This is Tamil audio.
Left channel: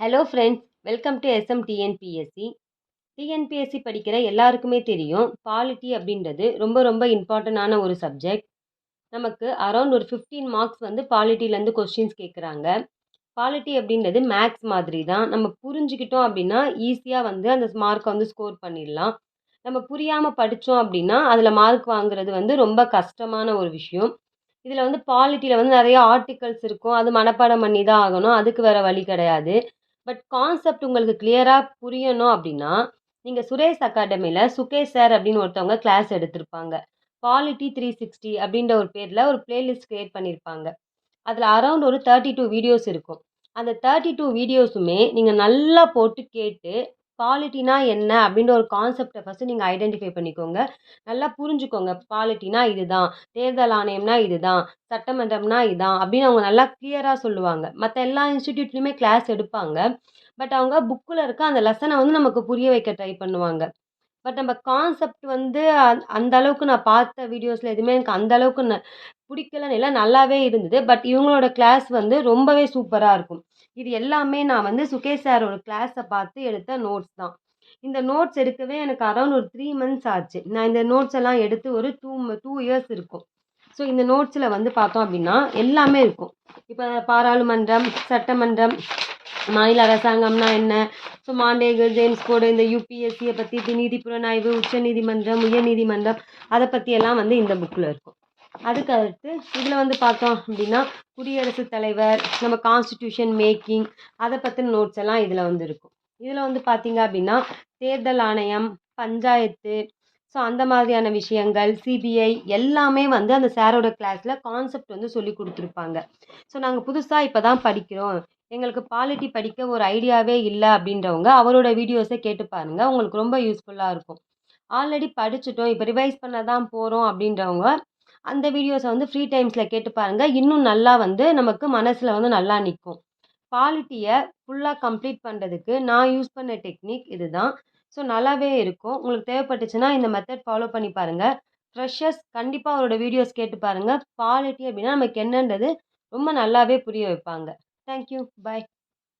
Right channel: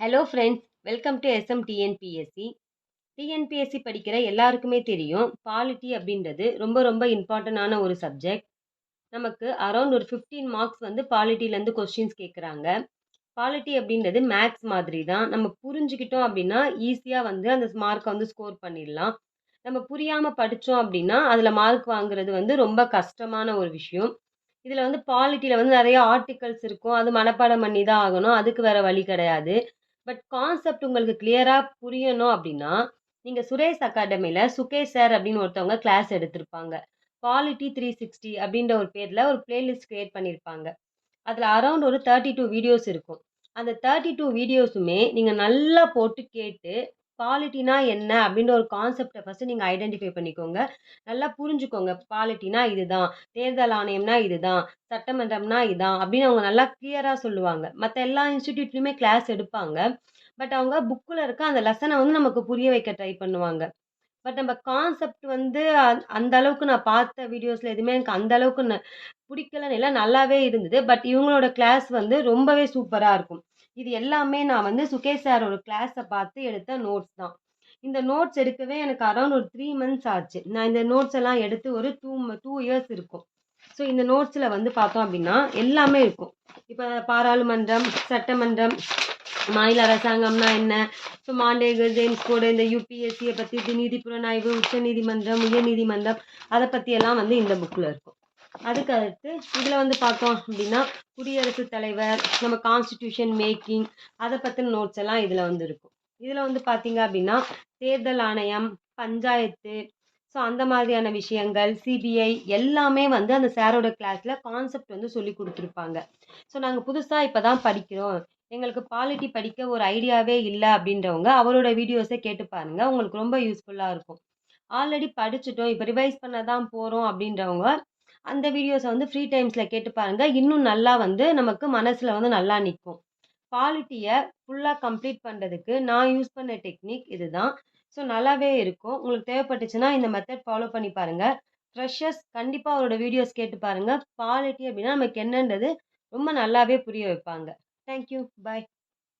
Hello friends, welcome to SM TNPSC. TNPSC படிக்கிற எல்லாருக்குமே தெரியும், பாலிட்டி அப்படின்றது ரொம்ப ரொம்ப இம்பார்ட்டண்டான ஒரு சப்ஜெக்ட். நமக்கு அரௌண்ட் ஒரு 15 மார்க்ஸ் வந்து பாலிட்டிலேருந்து கொஸ்டின்ஸ் கேட்குறாங்க. பாலிட்டி அப்படின்றது மேத்ஸ் மாதிரி தான். நம்ம புரிஞ்சுக்கிட்டோம் அப்படின்னா, ஈஸியாக வந்து அந்த மார்க்கை வந்து ஸ்கோர் பண்ணிடலாம். நம்ம புரியாமல் படித்தோம் அப்படின்னா, அதில் மார்க் வாங்குறது வந்து ரொம்ப கஷ்டமான ஒரு விஷயம். இதில் வந்து பாலிட்டியில் வந்து நிறைய ஆர்டிகல்ஸ் இருக்கும். அது மனப்பாடம் பண்ணி தான் ஆகணும். அதுக்கு வேற வழி கிடையாது. பட் கான்செப்ட் உங்களுக்கு கிளியரா புரியணும் அப்படின்னா, நீங்க சுரேஷ் அகாடமில சுகேஷ் சார் அப்படின்னு ஒருத்தவங்க கிளாஸ் எடுத்திருப்பாங்க. பாலிட்டி 360 அப்படின்ற ஒரு பேர்ல ஒரு பிளேலிஸ்ட் கிரியேட் பண்ணியிருப்பாங்க. அதுல அரவுண்ட் ஒரு 32 வீடியோஸ் இருக்கும். அந்த 32 வீடியோஸுமே நீங்க நல்லா போட்டு கேட்டு, பாலிட்டினா என்ன அப்படின்ற ஒரு கான்செப்ட்ட ஃபர்ஸ்ட்டு நீங்க ஐடென்டிஃபை பண்ணிக்கோங்க. நல்லா புரிஞ்சுக்கோங்க. பாலிட்டினா இதுதான், தேர்தல் ஆணையம்னா இதுதான், சட்டமன்றம்னா இதான் அப்படின்னு அவங்க நல்லா கிளியரா சொல்லுவாங்க. மத்த எல்லா இன்ஸ்டிடியூட்லயுமே கிளாஸ் எடுப்பாங்க. பட் அவங்க புக்குல இருக்க அந்த லெசன வந்து நமக்கு புரிய வைக்க ட்ரை பண்ணுவாங்க. பட் நம்ம கான்செப்ட் வந்து அந்த அளவுக்கு நான் பார்த்த வீடியோஸ்ல எதுவுமே எனக்கு அந்த அளவுக்கு பிடிக்கலன்னு இல்ல, நல்லாவே இருந்தது. பட் இவங்களோட கிளாஸ் வந்து ரொம்பவே சூப்பரா இருக்கும். இது எல்லாமே நான் வந்து சுகேஷ் சாரோட கிளாஸ பார்த்து எடுத்த நோட்ஸ் தான். இந்த நோட்ஸ் எடுக்கவே எனக்கு அரவுண்ட் ஒரு 3 மந்த்ஸ் ஆச்சு. நான் இந்த நோட்ஸ் எல்லாம் எடுத்து ஒரு 2 இயர்ஸ் இருக்கும். ஸோ இந்த நோட்ஸ்ல வந்து பார்த்தோம் அப்படின்னா, எல்லாமே இருக்கும். இப்ப பாராளுமன்றம், சட்டமன்றம், மாநில அரசாங்கம்னா என்ன? ஸோ மாண்டேகு, ஜேம்ஸ் கோடு, இந்த யுபிஎஸ்சிய பத்தி, நீதி புலனாய்வு, உச்சநீதிமன்றம், உயர்நீதிமன்றம் அத பத்தியெல்லாம் வந்து இந்த புக்ல இருக்கும். அதுக்கு அடுத்து இதில வந்து பார்த்தோம் அப்படின்னா, குடியரசுத் தலைவர், நம்ம கான்ஸ்டிடியூஷன் மேக்கிங் அத பத்தின நோட்ஸ் எல்லாம் இதில வந்து இருக்கும். இதில வந்து பார்த்தீங்க அப்படின்னா, தேர்தல் ஆணையம், பஞ்சாயத்து, ஸோ அந்த மாதிரியான விஷயங்கள், சிபிஐ எல்லாமே வந்து அந்த சாரோட கிளாஸ்ல கான்செப்ட் வந்து சொல்லிக் குடுத்துருப்பாங்க. ஸோ நாங்க புதுசா இப்ப தான் படிக்கிறோம். எங்களுக்கு பாலிட்டி படிக்க ஒரு ஐடியாவே இல்ல அப்படின்றவங்க, அவரோட வீடியோஸ கேட்டு பாருங்க. உங்களுக்கு ரொம்ப யூஸ்ஃபுல்லா இருக்கும். ஆல்ரெடி படிச்சுட்டோம், இப்ப ரிவைஸ் பண்ண தான் போறோம் அப்படின்றவங்க, அந்த வீடியோஸ வந்து ஃப்ரீ டைம்ஸ்ல கேட்டு பாருங்க. இன்னும் நல்லா வந்து நமக்கு மனசுல வந்து நல்லா நிக்கும். பாலிட்டிய ஃபுல்லா கம்ப்ளீட் பண்றதுக்கு நான் யூஸ் பண்ண டெக்னிக் இதுதான். ஸோ நல்லாவே இருக்கும். உங்களுக்கு தேவைப்பட்டுச்சுன்னா இந்த மெத்தட் ஃபாலோ பண்ணி பாருங்க. ஃப்ரெஷர்ஸ் கண்டிப்பா அவரோட வீடியோஸ் கேட்டு பாருங்க. பாலிட்டி அப்படின்னா நமக்கு என்னன்றது ரொம்ப நல்லாவே புரிய வைப்பாங்க. Thank you. பாய்.